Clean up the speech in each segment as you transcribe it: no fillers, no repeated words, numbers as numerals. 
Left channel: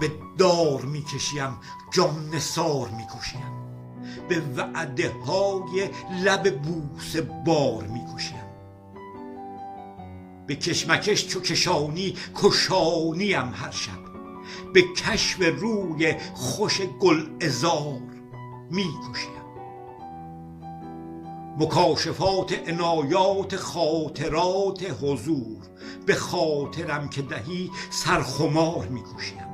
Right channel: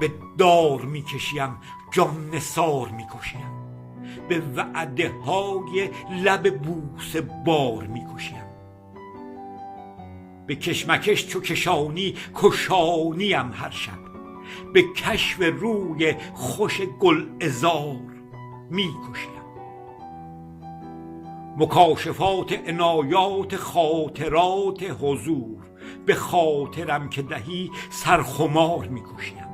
به دار میکشیم جان نثار میکشیم، به وعده های لب بوسه بار میکشیم. به کشمکش چو کشانی کشانیم هر شب، به کشف روی خوش گلعذار میکشیم. مکاشفات عنایات خاطرات حضور، به خاطرم که دهی سرخمار میکشیم.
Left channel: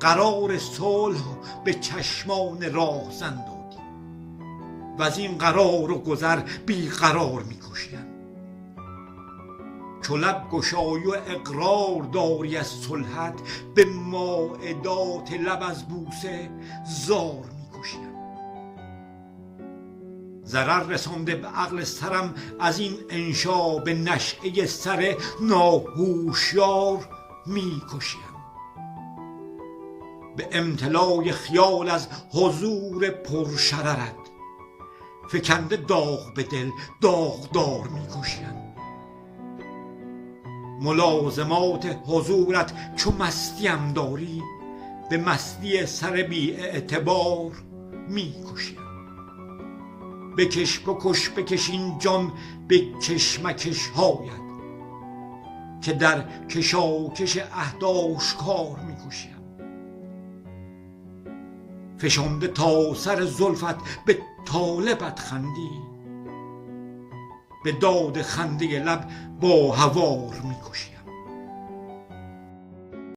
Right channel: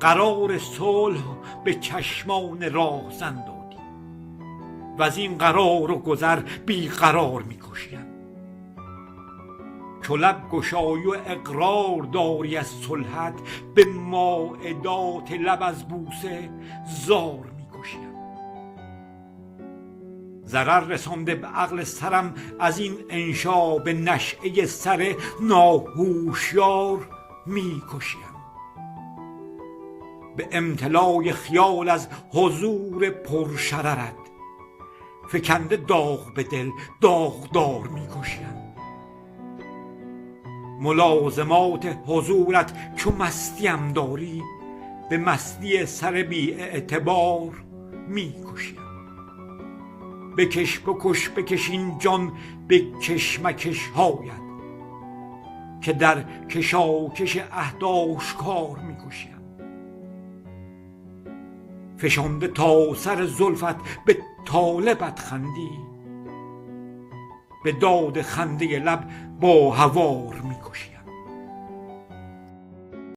قرار صلح به چشمان راهزن دادی و از این قرار و گذر بی قرار میکشیم. چو لب گشایی و اقرار داری از صلحت، به مائدات لب از بوسه زار میکشیم. ضرر رسانده به عقل سرم از این انشا، به نشأه سر ناهوشیار میکشیم. به امتلای خیال از حضور پرشررت، فکنده داغ به دل داغدار میکشیم. ملازمات حضورت چو مستیم داری، به مستی سر بی اعتبار میکشیم. بکش بکش بکش این جان به کشمکش هایت، که در کشاکش عهد آشکار میکشیم. فشانده تا سر زلفت به طالبت خندی، به داد خنده لب با هوار میکشیم.